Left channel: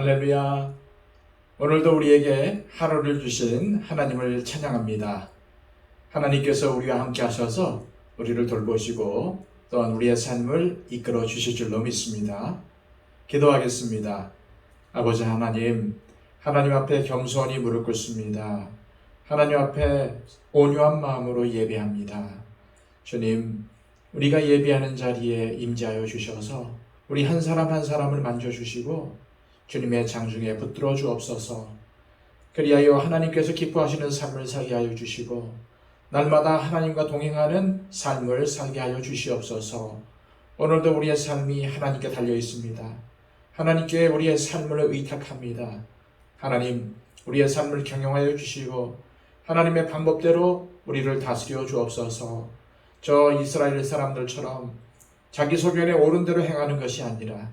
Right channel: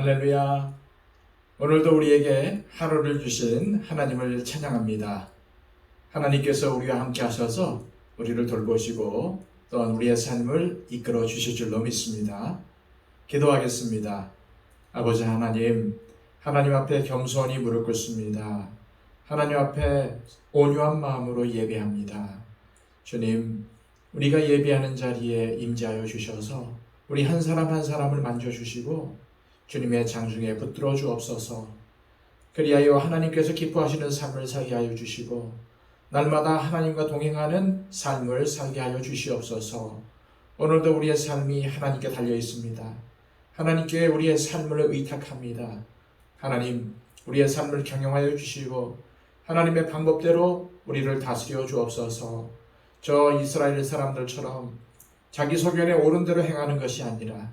할렐루야. 오늘도 우리에게 하루를 주신 하나님을 찬양합니다. 하나님께서 우리와 함께 하셔서 우리를 돌보시고 또한 우리의 삶을 이끌어 주실 줄로 믿습니다. 기도하겠습니다. 아버지 하나님, 하나님 앞에 겸손히 무릎 꿇습니다. 하나님 앞에 온유한 마음으로 예배합니다. 주님, 우리가 예배하는 자리에 임재하여 주셔서 우리 한 사람 한 사람을 만져주시고 주님의 장중에 붙들어 주옵소서. 그리하여 하나님께서 기뻐하시는 삶을 살게 하여 주시고 날마다 하나님과 동행하는 삶을 살게 하여 주시옵소서. 오늘도 우리의 삶이 하나님께 달려 있습니다. 하나님께 우리의 삶을 의탁합니다. 하나님, 우리의 삶을 경영하여 주시고 하나님의 방법대로 우리를 다스려 주옵소서. 저 이스라엘 사람들처럼 자기 소견에 옳은 대로 행하는 것이 아니라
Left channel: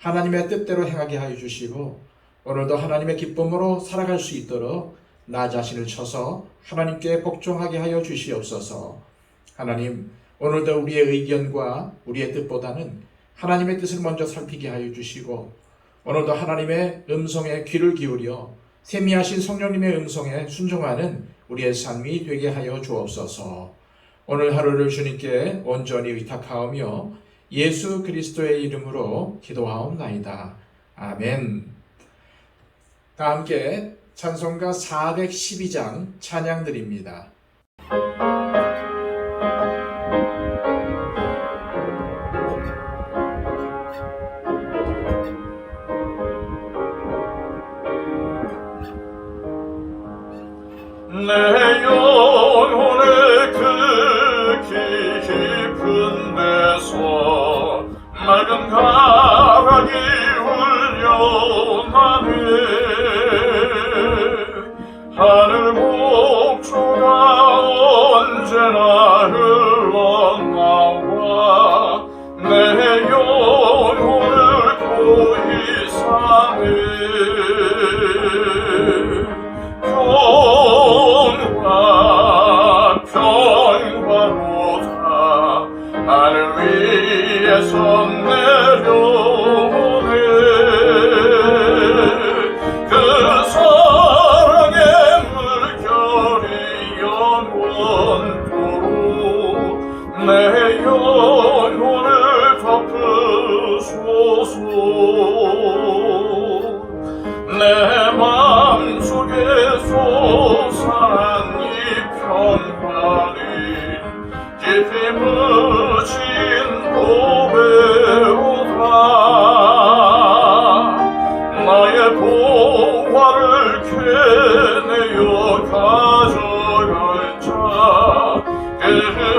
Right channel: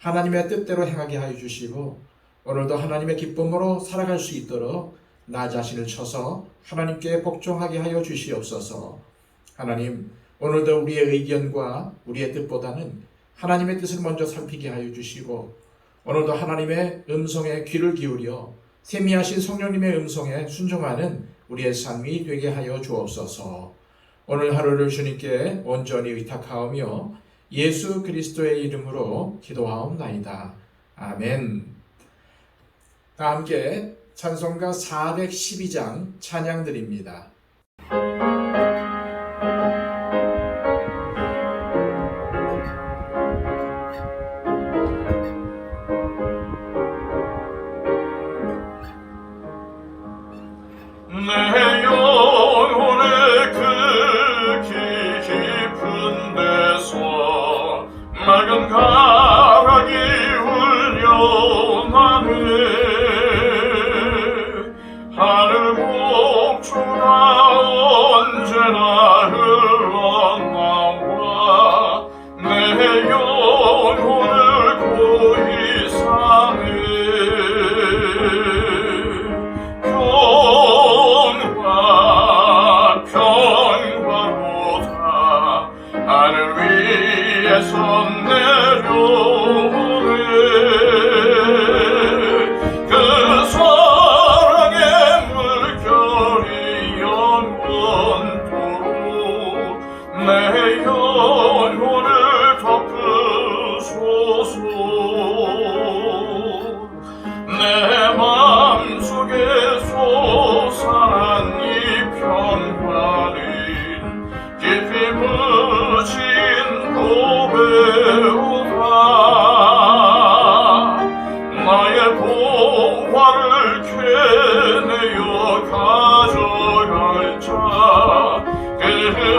하나님의 뜻대로 행하게 하여 주시고 오늘도 하나님의 기쁨으로 살아갈 수 있도록 나 자신을 쳐서 하나님께 복종하게 하여 주시옵소서. 하나님, 오늘도 우리의 의견과 우리의 뜻보다는 하나님의 뜻을 먼저 살피게 하여 주시고 오늘도 하나님의 음성에 귀를 기울여 세미하신 성령님의 음성에 순종하는 우리의 삶이 되게 하여 주옵소서. 오늘 하루를 주님께 온전히 의탁하오며 예수 그리스도의 이름으로 기도하옵나이다. 아멘. 다 함께 찬송가 412장 찬양드립니다. 내 영혼을 그 깊은 데서 맑은 가락이 울려나네. 하늘 곡조가 언제나 흘러나와 내 영혼을 더 이상해. 내 맘속에 솟아난 이 평화는 깊이 묻힌 고백으로다. 나의 보화를 캐내어 가져갈 자 그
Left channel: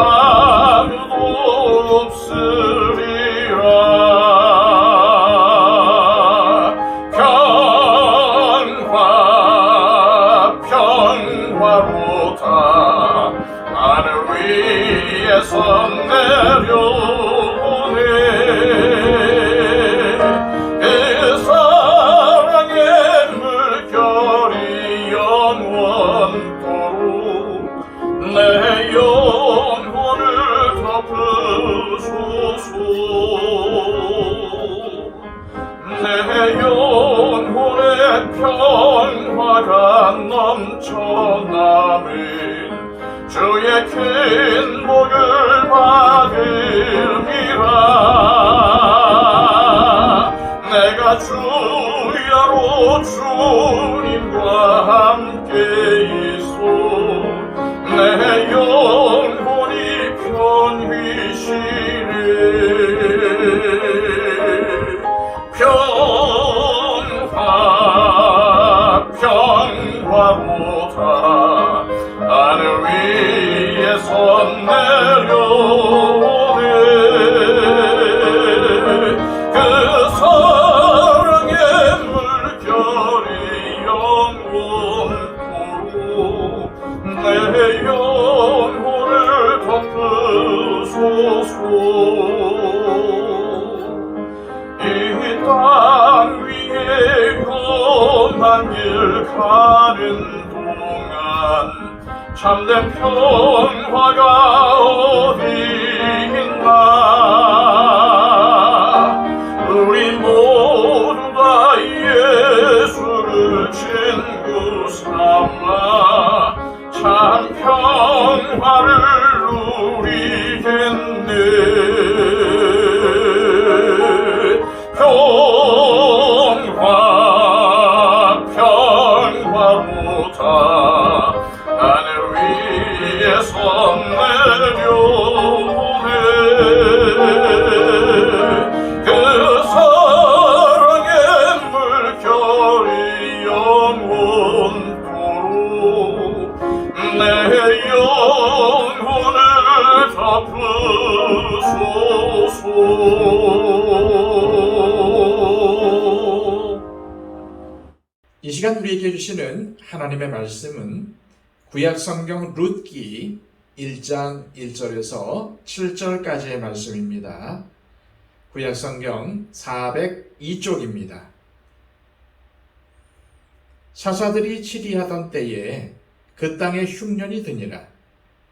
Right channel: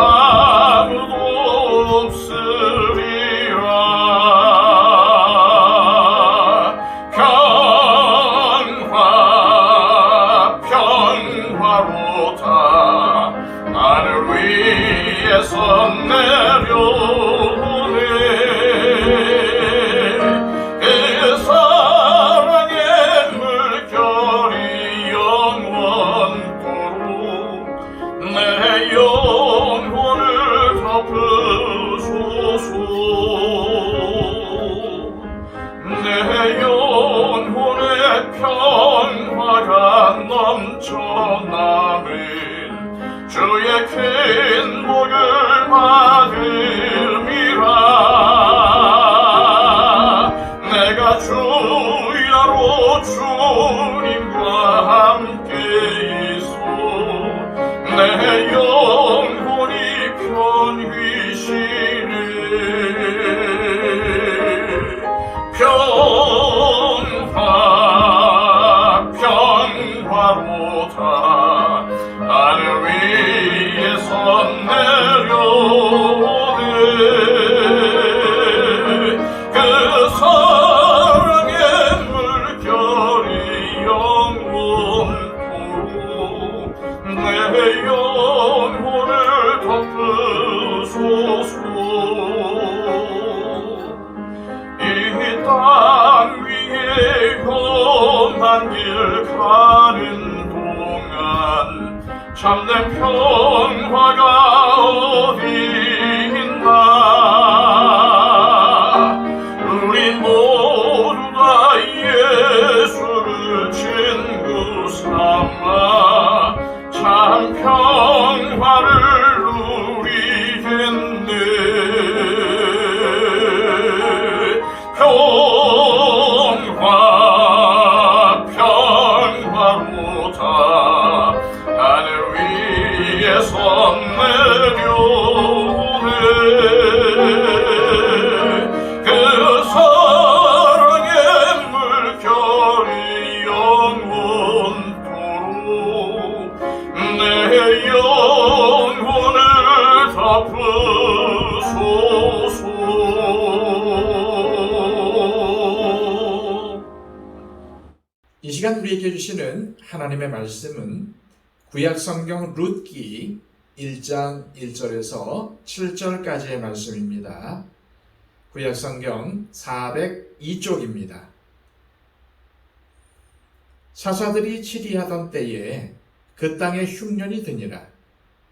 아무도 없으리라. 하늘 위에서 내려오네. 그 사랑의 물결이 영원토록 내 영혼을 덮으소서. 내 영혼의 평화가 넘쳐나는 주의 큰 복을 받음이라. 내가 주야로 주님과 함께 있어 내 영혼이 편히 쉬네. 평화로다. 하늘 위에서 내려오네. 그 사랑의 물결이 영원토록 내 영혼을 덮으소서. 이 땅 위에 험한 길 가는 동안 참된 평화가 어디 있나. 우리 모두 다 우리에게 주시는 하나님의 말씀은 구약성경 룻기 1장 1절에서 7절까지의 말씀입니다. 구약성경 402쪽입니다. 사사들이 치리하던 때에 그 땅에 흉년이 드니라.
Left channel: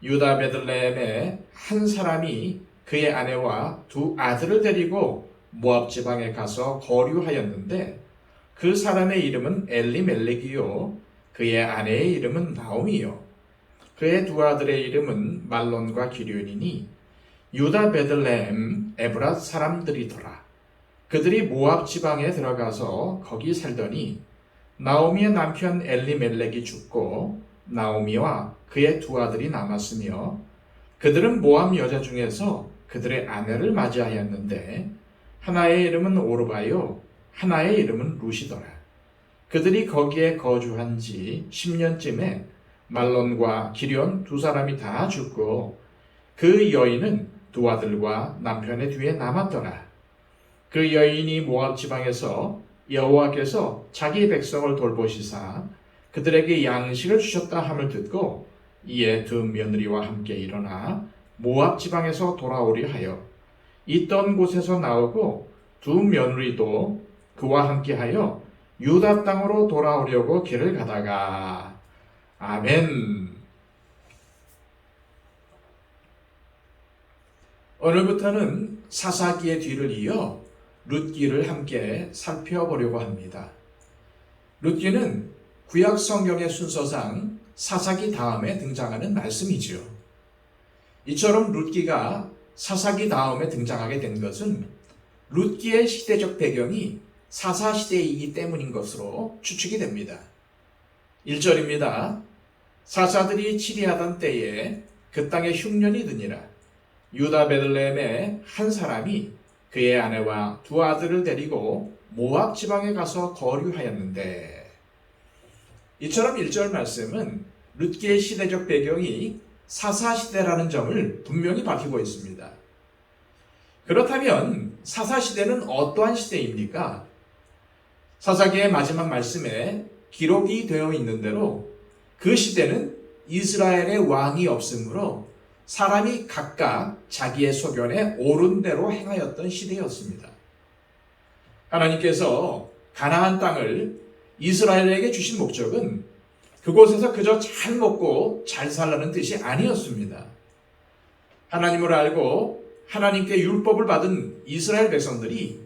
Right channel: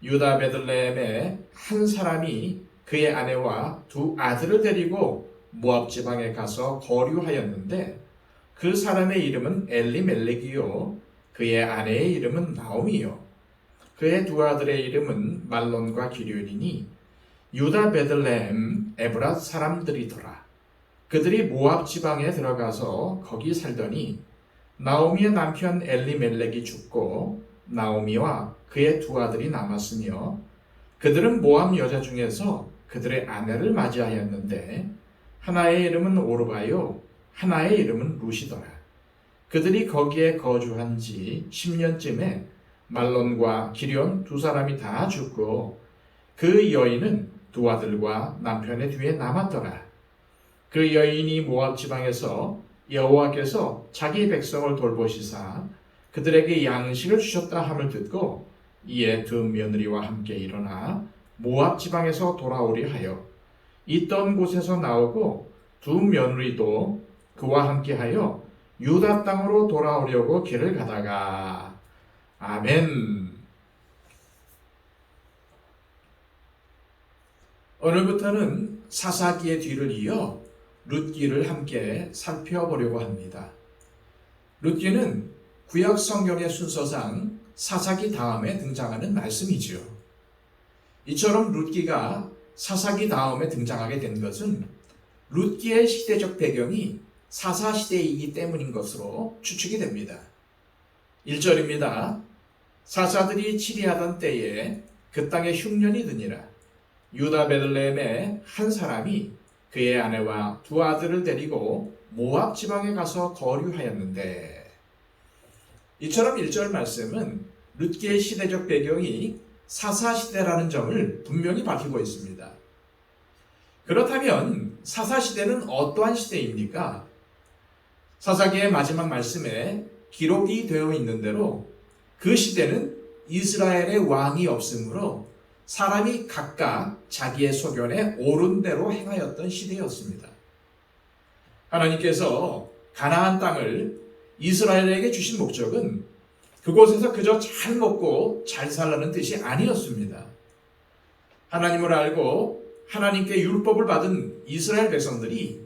유다 베들레헴에 한 사람이 그의 아내와 두 아들을 데리고 모압 지방에 가서 거류하였는데 그 사람의 이름은 엘리멜렉이요 그의 아내의 이름은 나오미요 그의 두 아들의 이름은 말론과 기련이니 유다 베들레헴 에브랏 사람들이더라. 그들이 모압 지방에 들어가서 거기 살더니 나오미의 남편 엘리멜렉이 죽고 나오미와 그의 두 아들이 남았으며 그들은 모압 여자 중에서 그들의 아내를 맞이하였는데 하나의 이름은 오르바요 하나의 이름은 루시더라. 그들이 거기에 거주한 지 10년쯤에 말론과 기련 두 사람이 다 죽고 그 여인은 두 아들과 남편의 뒤에 남았더라. 그 여인이 모압 지방에서 여호와께서 자기 백성을 돌보시사 그들에게 양식을 주셨다 함을 듣고 이에 두 며느리와 함께 일어나 모압 지방에서 돌아오려 하여 있던 곳에서 나오고 두 며느리도 그와 함께하여 유다 땅으로 돌아오려고 길을 가다가 아멘. 오늘부터는 사사기의 뒤를 이어 룻기를 함께 살펴보려고 합니다. 룻기는 구약 성경의 순서상 사사기 다음에 등장하는 말씀이지요. 이처럼 룻기가 사사기 다음에 등장하게 된 것은 룻기의 시대적 배경이 사사시대이기 때문인 것으로 추측이 됩니다. 1절입니다. 사사들이 치리하던 때에 그 땅에 흉년이 드니라. 유다 베들레헴에 한 사람이 그의 아내와 두 아들을 데리고 모압 지방에 가서 거류하였는데 이처럼 1절 말씀은 룻기의 시대적 배경이 사사시대라는 점을 분명히 밝히고 있습니다. 그렇다면 사사시대는 어떠한 시대입니까? 사사기의 마지막 말씀에 기록이 되어 있는 대로 그 시대는 이스라엘의 왕이 없으므로 사람이 각각 자기의 소견에 옳은 대로 행하였던 시대였습니다. 하나님께서 가나안 땅을 이스라엘에게 주신 목적은 그곳에서 그저 잘 먹고 잘 살라는 뜻이 아니었습니다. 하나님을 알고 하나님께 율법을 받은 이스라엘 백성들이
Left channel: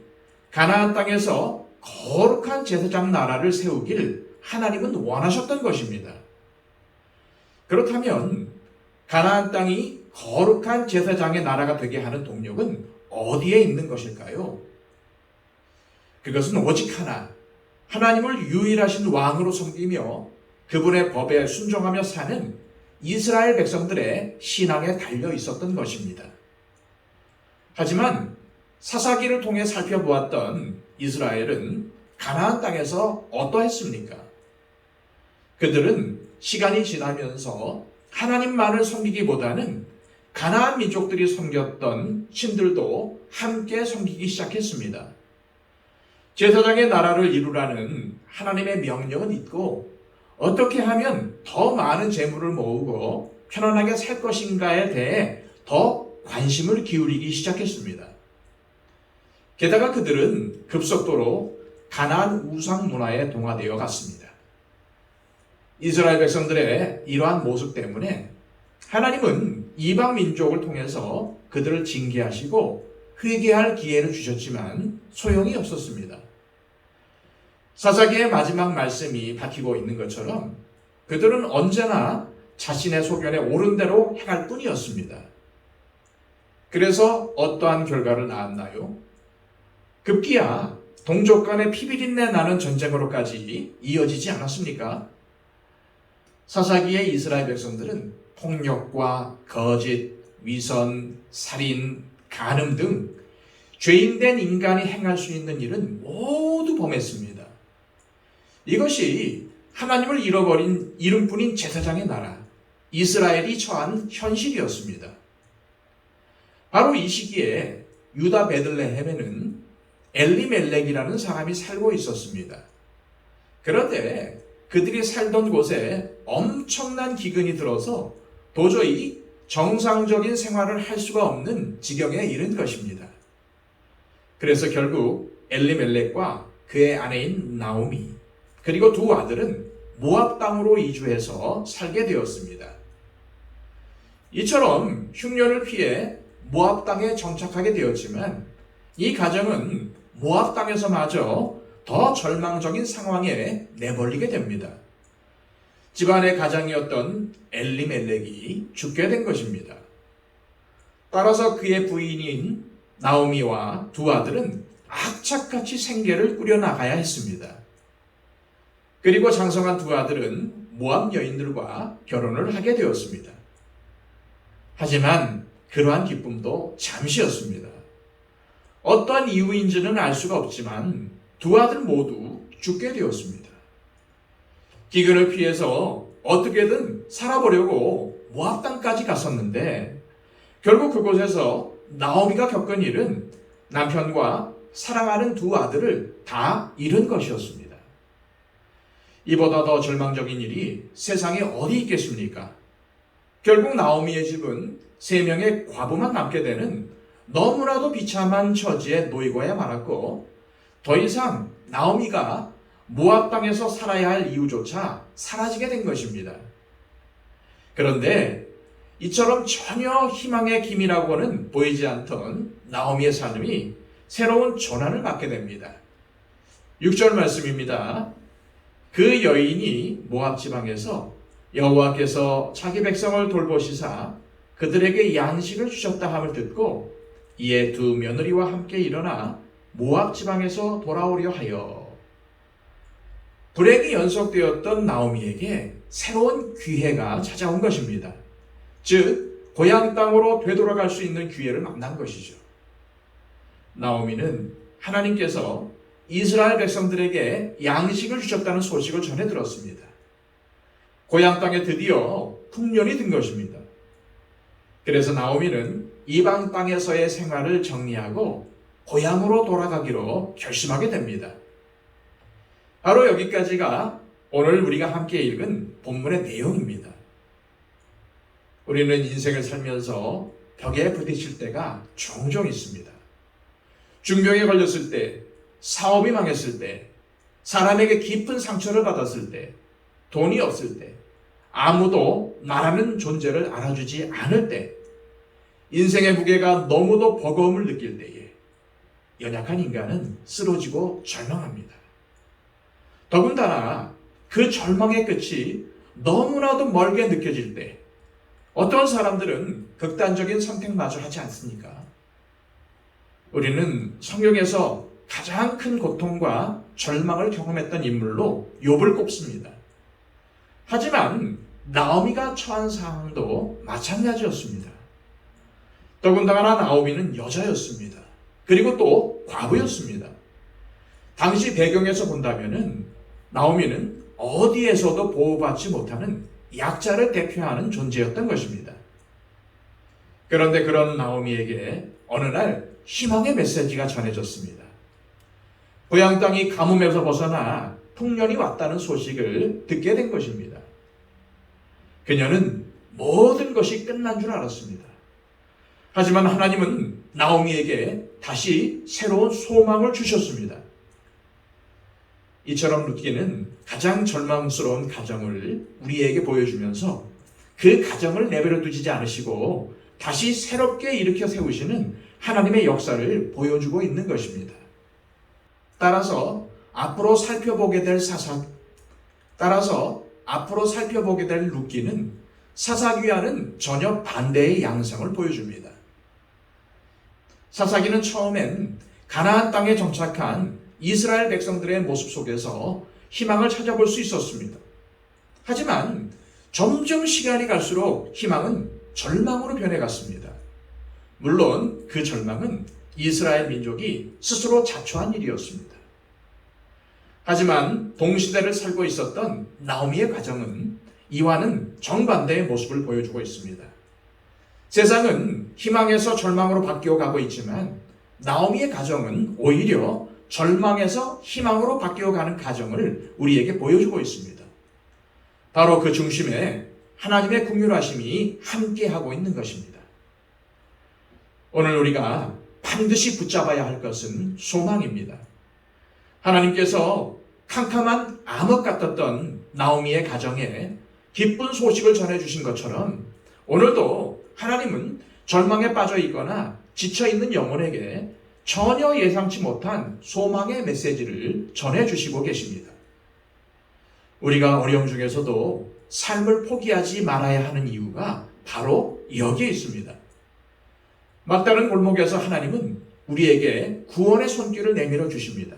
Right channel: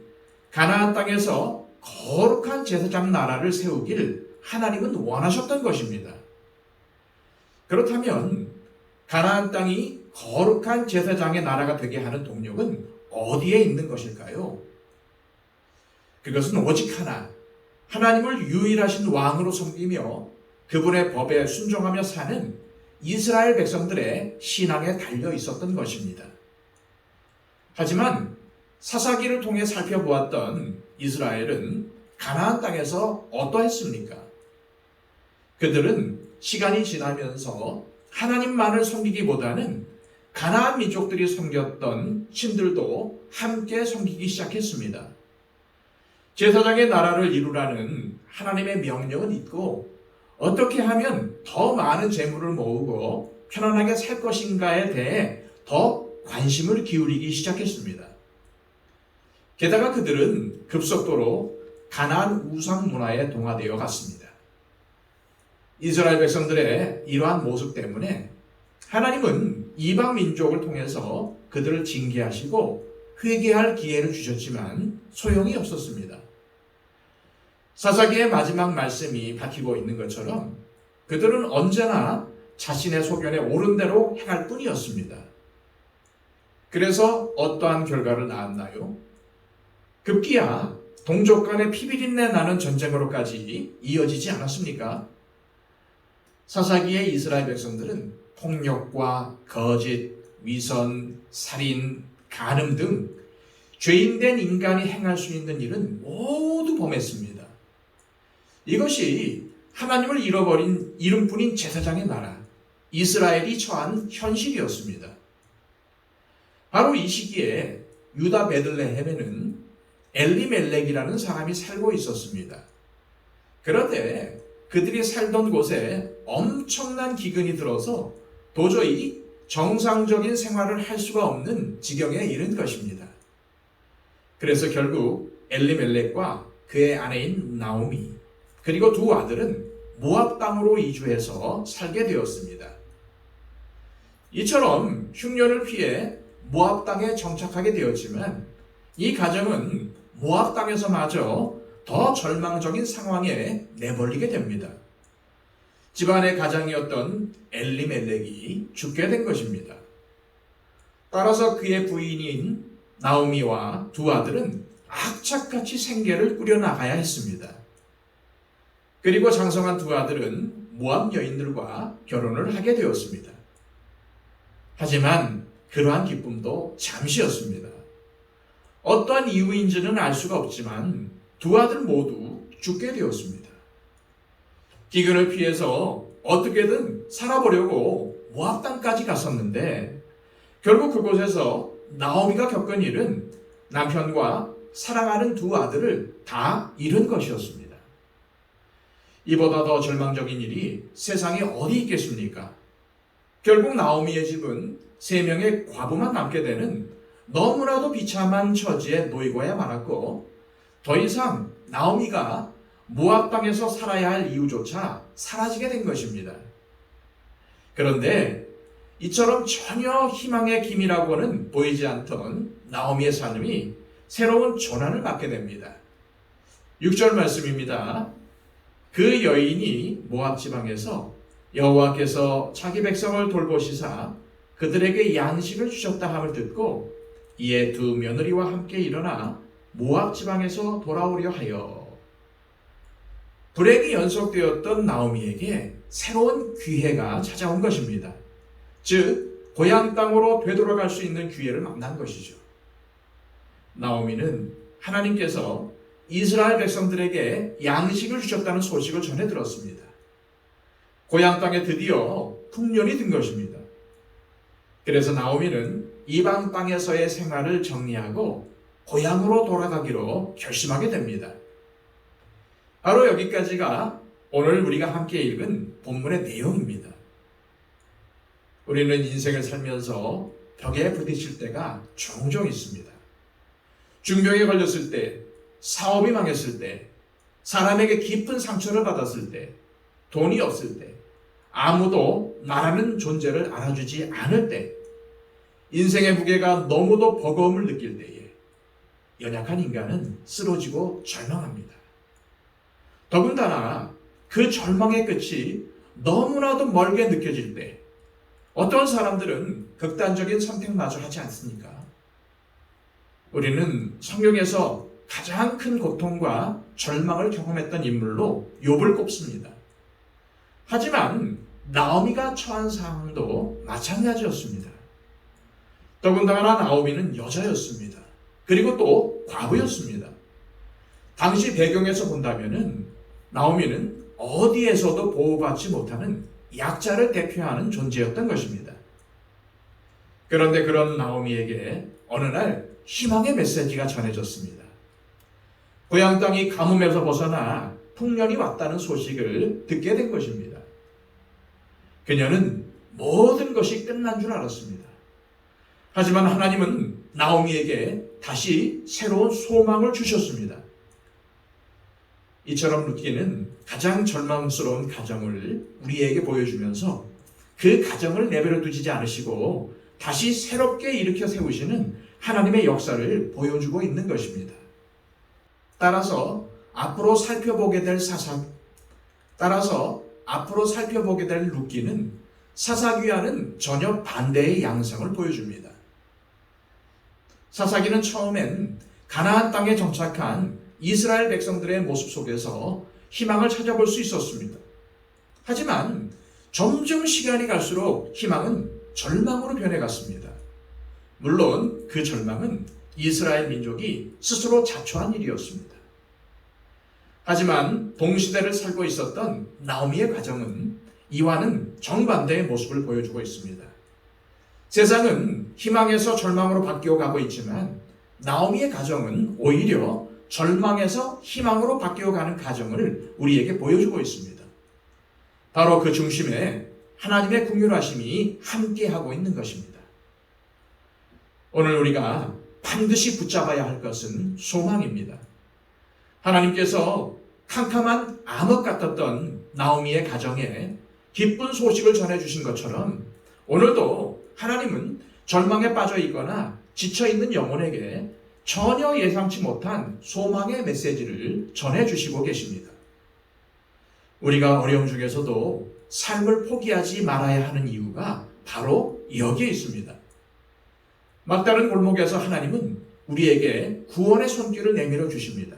가나안 땅에서 거룩한 제사장 나라를 세우길 하나님은 원하셨던 것입니다. 그렇다면 가나안 땅이 거룩한 제사장의 나라가 되게 하는 동력은 어디에 있는 것일까요? 그것은 오직 하나, 하나님을 유일하신 왕으로 섬기며 그분의 법에 순종하며 사는 이스라엘 백성들의 신앙에 달려 있었던 것입니다. 하지만 사사기를 통해 살펴보았던 이스라엘은 가나안 땅에서 어떠했습니까? 그들은 시간이 지나면서 하나님만을 섬기기보다는 가나안 민족들이 섬겼던 신들도 함께 섬기기 시작했습니다. 제사장의 나라를 이루라는 하나님의 명령은 있고 어떻게 하면 더 많은 재물을 모으고 편안하게 살 것인가에 대해 더 관심을 기울이기 시작했습니다. 게다가 그들은 급속도로 가나안 우상 문화에 동화되어 갔습니다. 이스라엘 백성들의 이러한 모습 때문에 하나님은 이방 민족을 통해서 그들을 징계하시고 회개할 기회를 주셨지만 소용이 없었습니다. 사사기의 마지막 말씀이 밝히고 있는 것처럼 그들은 언제나 자신의 소견에 옳은 대로 행할 뿐이었습니다. 그래서 어떠한 결과를 낳았나요? 급기야 동족 간의 피비린내 나는 전쟁으로까지 이어지지 않았습니까? 사사기의 이스라엘 백성들은 폭력과 거짓, 위선, 살인, 간음 등 죄인된 인간이 행할 수 있는 일은 모두 범했습니다. 이것이 하나님을 잃어버린 이름뿐인 제사장의 나라, 이스라엘이 처한 현실이었습니다. 바로 이 시기에 유다 베들레헴에는 엘리멜렉이라는 사람이 살고 있었습니다. 그런데 그들이 살던 곳에 엄청난 기근이 들어서 도저히 정상적인 생활을 할 수가 없는 지경에 이른 것입니다. 그래서 결국 엘리멜렉과 그의 아내인 나오미 그리고 두 아들은 모압 땅으로 이주해서 살게 되었습니다. 이처럼 흉년을 피해 모압 땅에 정착하게 되었지만 이 가정은 모압 땅에서마저 더 절망적인 상황에 내몰리게 됩니다. 집안의 가장이었던 엘리멜렉이 죽게 된 것입니다. 따라서 그의 부인인 나오미와 두 아들은 악착같이 생계를 꾸려나가야 했습니다. 그리고 장성한 두 아들은 모압 여인들과 결혼을 하게 되었습니다. 하지만 그러한 기쁨도 잠시였습니다. 어떠한 이유인지는 알 수가 없지만 두 아들 모두 죽게 되었습니다. 기근을 피해서 어떻게든 살아보려고 모압 땅까지 갔었는데 결국 그곳에서 나오미가 겪은 일은 남편과 사랑하는 두 아들을 다 잃은 것이었습니다. 이보다 더 절망적인 일이 세상에 어디 있겠습니까? 결국 나오미의 집은 3명의 과부만 남게 되는 너무나도 비참한 처지에 놓이고야 말았고 더 이상 나오미가 모압 땅에서 살아야 할 이유조차 사라지게 된 것입니다. 그런데 이처럼 전혀 희망의 기미라고는 보이지 않던 나오미의 삶이 새로운 전환을 받게 됩니다. 6절 말씀입니다. 그 여인이 모압 지방에서 여호와께서 자기 백성을 돌보시사 그들에게 양식을 주셨다 함을 듣고 이에 두 며느리와 함께 일어나 모압 지방에서 돌아오려 하여 불행이 연속되었던 나오미에게 새로운 기회가 찾아온 것입니다. 즉 고향 땅으로 되돌아갈 수 있는 기회를 만난 것이죠. 나오미는 하나님께서 이스라엘 백성들에게 양식을 주셨다는 소식을 전해 들었습니다. 고향 땅에 드디어 풍년이 든 것입니다. 그래서 나오미는 이방 땅에서의 생활을 정리하고 고향으로 돌아가기로 결심하게 됩니다. 바로 여기까지가 오늘 우리가 함께 읽은 본문의 내용입니다. 우리는 인생을 살면서 벽에 부딪힐 때가 종종 있습니다. 중병에 걸렸을 때, 사업이 망했을 때, 사람에게 깊은 상처를 받았을 때, 돈이 없을 때, 아무도 나라는 존재를 알아주지 않을 때, 인생의 무게가 너무도 버거움을 느낄 때에 연약한 인간은 쓰러지고 절망합니다. 더군다나 그 절망의 끝이 너무나도 멀게 느껴질 때 어떤 사람들은 극단적인 선택마저 하지 않습니까? 우리는 성경에서 가장 큰 고통과 절망을 경험했던 인물로 욥을 꼽습니다. 하지만 나오미가 처한 상황도 마찬가지였습니다. 더군다나 나오미는 여자였습니다. 그리고 또 과부였습니다. 당시 배경에서 본다면은 나오미는 어디에서도 보호받지 못하는 약자를 대표하는 존재였던 것입니다. 그런데 그런 나오미에게 어느 날 희망의 메시지가 전해졌습니다. 고향 땅이 가뭄에서 벗어나 풍년이 왔다는 소식을 듣게 된 것입니다. 그녀는 모든 것이 끝난 줄 알았습니다. 하지만 하나님은 나오미에게 다시 새로운 소망을 주셨습니다. 이처럼 룻기는 가장 절망스러운 가정을 우리에게 보여주면서 그 가정을 내버려 두지 않으시고 다시 새롭게 일으켜 세우시는 하나님의 역사를 보여주고 있는 것입니다. 따라서 앞으로 살펴보게 될 룻기는 사사기와는 전혀 반대의 양상을 보여줍니다. 사사기는 처음엔 가나안 땅에 정착한 이스라엘 백성들의 모습 속에서 희망을 찾아볼 수 있었습니다. 하지만 점점 시간이 갈수록 희망은 절망으로 변해갔습니다. 물론 그 절망은 이스라엘 민족이 스스로 자초한 일이었습니다. 하지만 동시대를 살고 있었던 나오미의 가정은 이와는 정반대의 모습을 보여주고 있습니다. 세상은 희망에서 절망으로 바뀌어 가고 있지만 나오미의 가정은 오히려 절망에서 희망으로 바뀌어가는 가정을 우리에게 보여주고 있습니다. 바로 그 중심에 하나님의 긍휼하심이 함께하고 있는 것입니다. 오늘 우리가 반드시 붙잡아야 할 것은 소망입니다. 하나님께서 캄캄한 암흑 같았던 나오미의 가정에 기쁜 소식을 전해주신 것처럼 오늘도 하나님은 절망에 빠져 있거나 지쳐있는 영혼에게 전혀 예상치 못한 소망의 메시지를 전해주시고 계십니다. 우리가 어려움 중에서도 삶을 포기하지 말아야 하는 이유가 바로 여기에 있습니다. 막다른 골목에서 하나님은 우리에게 구원의 손길을 내밀어 주십니다.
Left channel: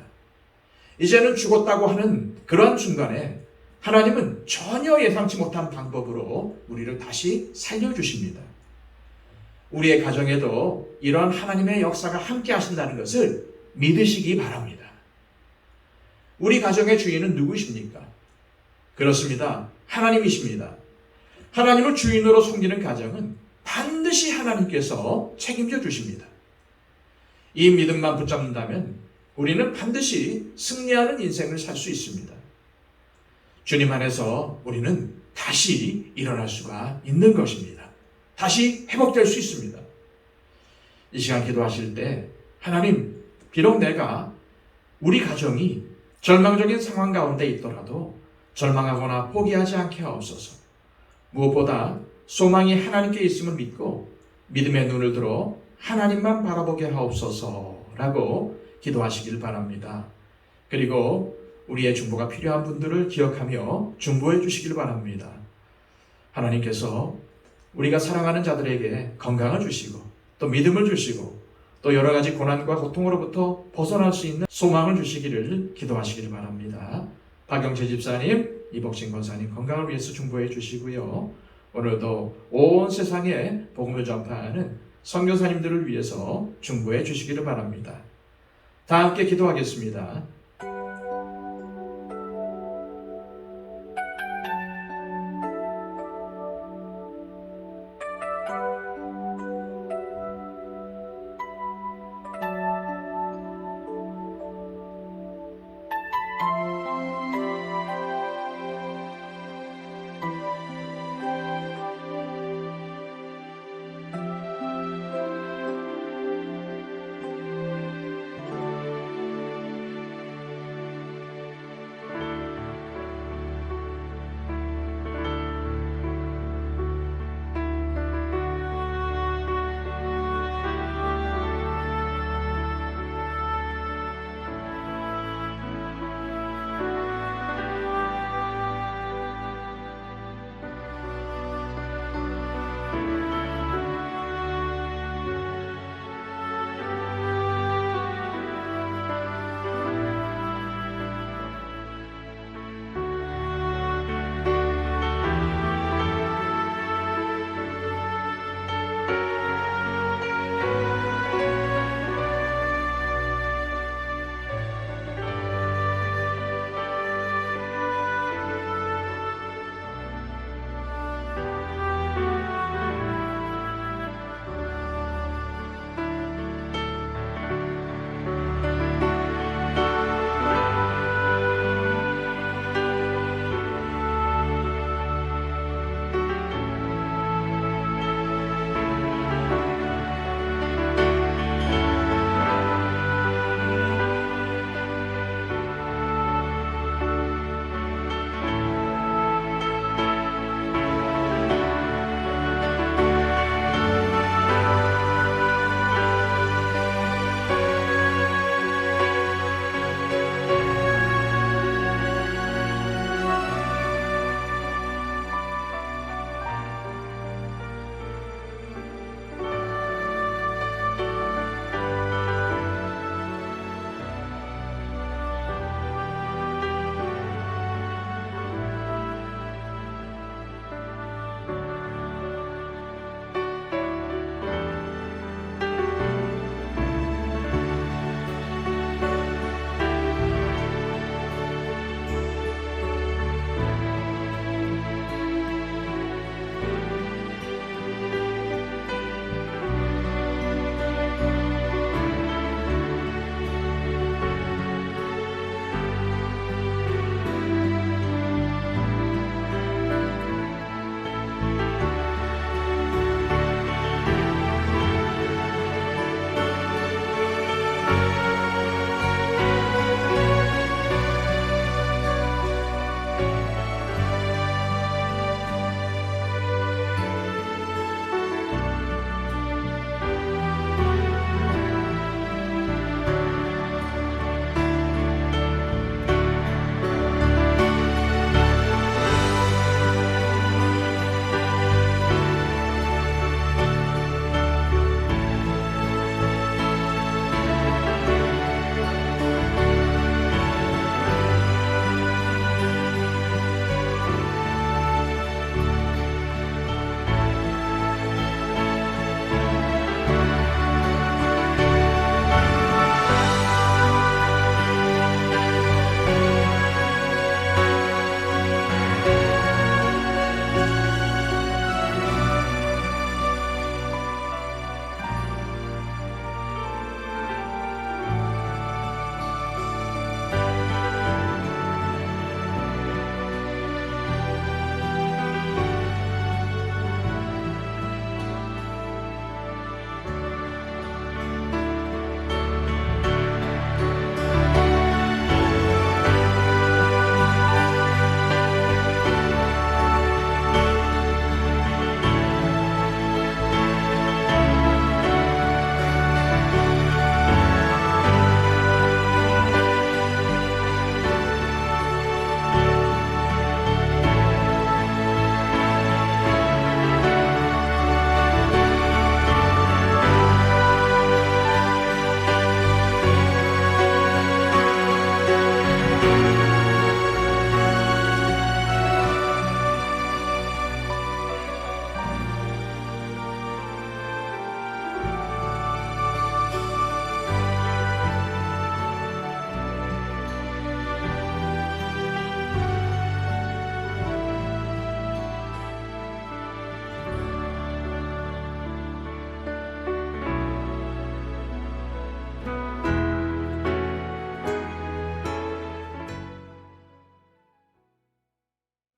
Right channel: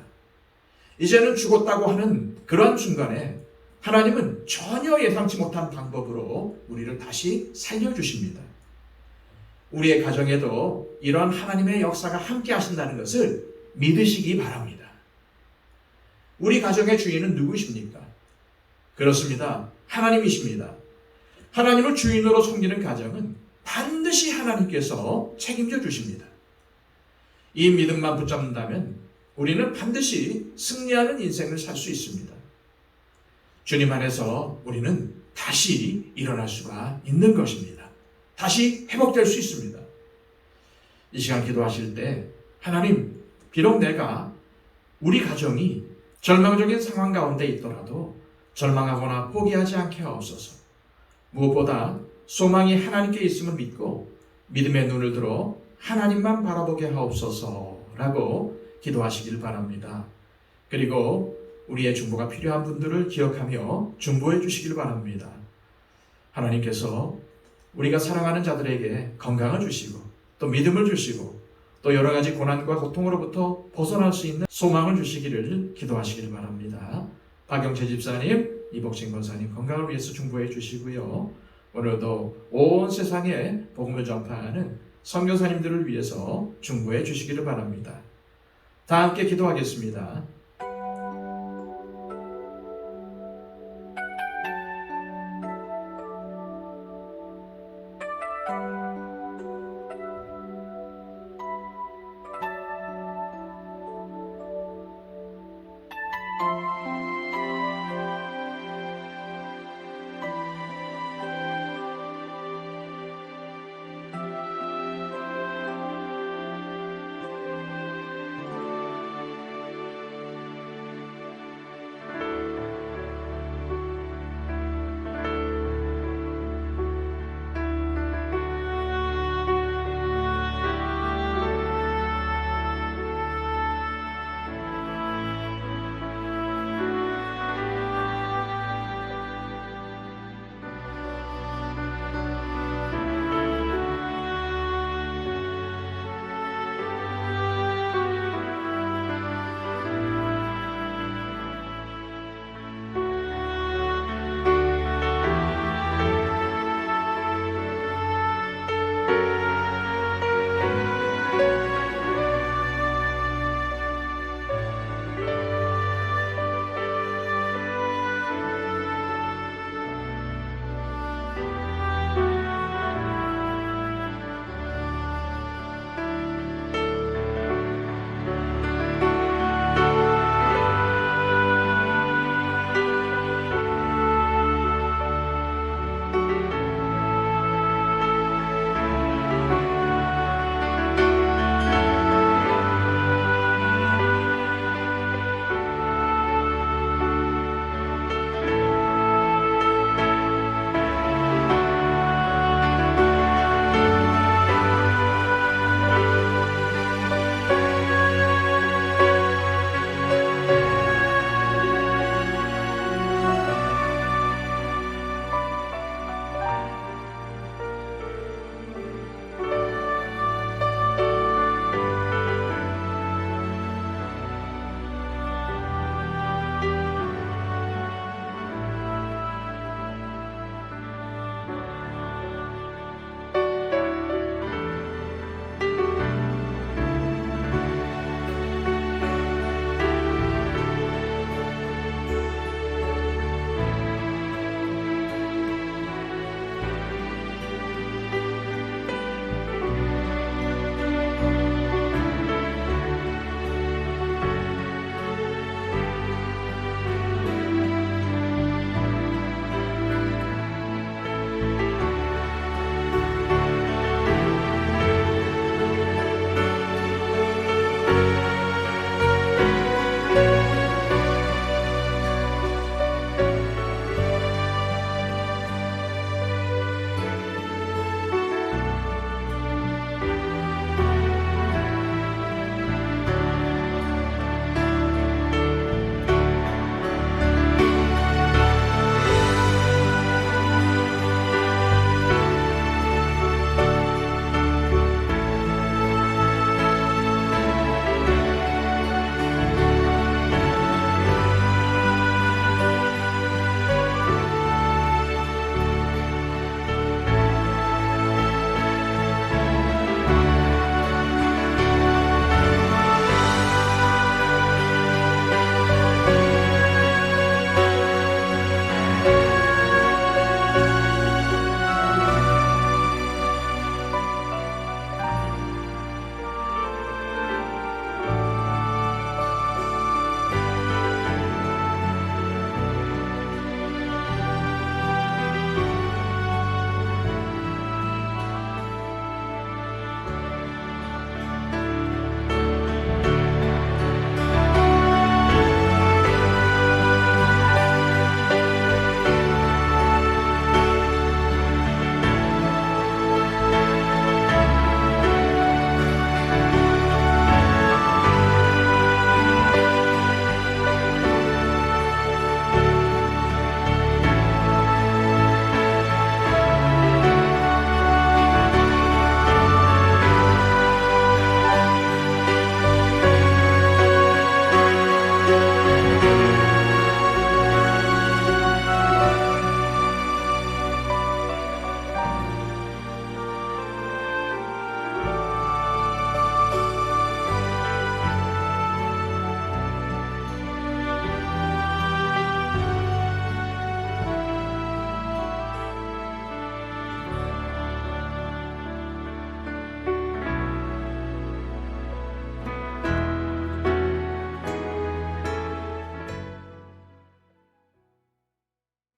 이제는 죽었다고 하는 그런 순간에 하나님은 전혀 예상치 못한 방법으로 우리를 다시 살려주십니다. 우리의 가정에도 이러한 하나님의 역사가 함께 하신다는 것을 믿으시기 바랍니다. 우리 가정의 주인은 누구십니까? 그렇습니다. 하나님이십니다. 하나님을 주인으로 섬기는 가정은 반드시 하나님께서 책임져 주십니다. 이 믿음만 붙잡는다면 우리는 반드시 승리하는 인생을 살 수 있습니다. 주님 안에서 우리는 다시 일어날 수가 있는 것입니다. 다시 회복될 수 있습니다. 이 시간 기도하실 때 하나님, 비록 내가 우리 가정이 절망적인 상황 가운데 있더라도 절망하거나 포기하지 않게 하옵소서. 무엇보다 소망이 하나님께 있음을 믿고 믿음의 눈을 들어 하나님만 바라보게 하옵소서라고 기도하시길 바랍니다. 그리고 우리의 중보가 필요한 분들을 기억하며 중보해 주시길 바랍니다. 하나님께서 우리가 사랑하는 자들에게 건강을 주시고 또 믿음을 주시고 또 여러 가지 고난과 고통으로부터 벗어날 수 있는 소망을 주시기를 기도하시길 바랍니다. 박영재 집사님, 이복진 권사님 건강을 위해서 중보해 주시고요. 오늘도 온 세상에 복음을 전파하는 선교사님들을 위해서 중보해 주시기를 바랍니다. 다 함께 기도하겠습니다.